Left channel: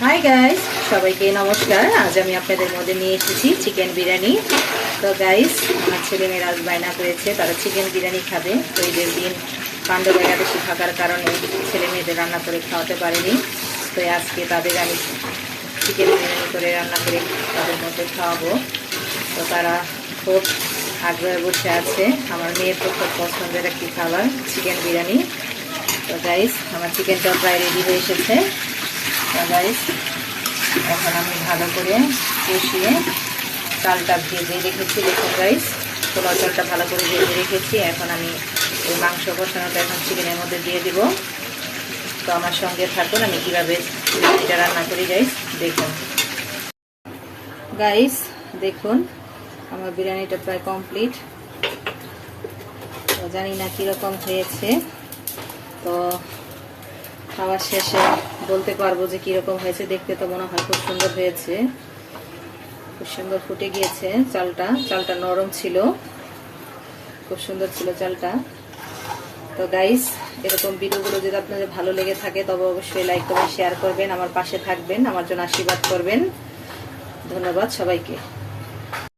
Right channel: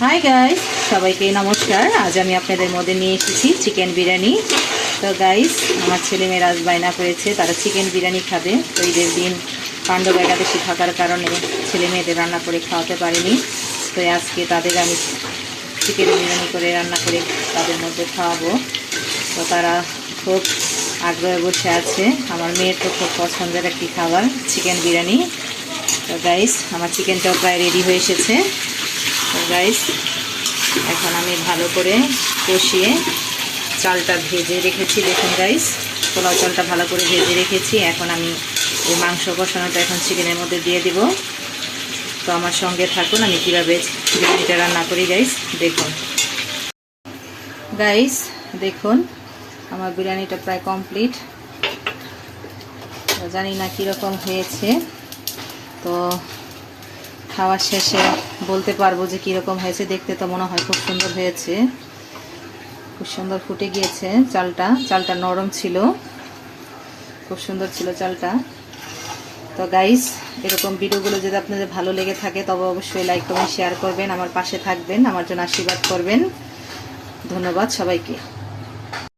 Hi guys, সবাইকে নমস্কার। আজ আমি আপনাদের মধ্যে নিয়ে এসেছি চিকেন বিরিয়ানি। তো গাইস, আমার ছেলে মেয়েরা আজ বায়না করেছে তারা চিকেন বিরিয়ানি খাবে। তো ঈদের দিন পাণ্ডব একাদশী থাকার কারণে ছেলে মেয়েদের রান্না করে খাওয়াতে পারিনি। তো আজকে তাদের আমি চিকেন বিরিয়ানি করে রান্না করে তাদের মধ্যে খাওয়াবো। তো তারা খুব আগ্রহে বসে আছে। আমার মেয়ের তো খুব পছন্দের একটি খাবার চিকেন বিরিয়ানি। তো গাইস, আমার চিকেনটাও প্রায় রেডি হয়ে এসেছে। তো গাইস, এখন আমি ভালো করে কষিয়ে চালটা ভেজে রেখেছি। দেখুন গাইস, পোলাও চালটা ভালো করে ভেজে রেখেছি। এখন আমি ওই মাংস কষানোটা এখন চিকেনের মধ্যে দিয়ে দিব। তো আমার সঙ্গে থাকুন, আমি কীভাবে বিরিয়ানিটা রান্না করি গাইস দেখুন। গাইস দেখুন, আমার বিরিয়ানিটা প্রায় কমপ্লিট। তো জানি না কীরকম হয়েছে, তো খাওয়ার শেষে বলতে পারবো যে কীরকম হয়েছে। দেখতে তো মনে হয় খুব সুন্দর হয়েছে, খুব সুন্দর ফুটে গিয়েছে। চালটা নরম ছিল, খুব সুন্দর ছিল চালটা। তো গাইস, এরকম ভিডিওগুলো যদি আপনাদের ভালো লেগে থাকে তবে অবশ্যই লাইক কমেন্ট শেয়ার করবেন, আমার পাশে থাকবেন, আমার জন্য আশীর্বাদ করবেন। ধন্যবাদ সবাইকে।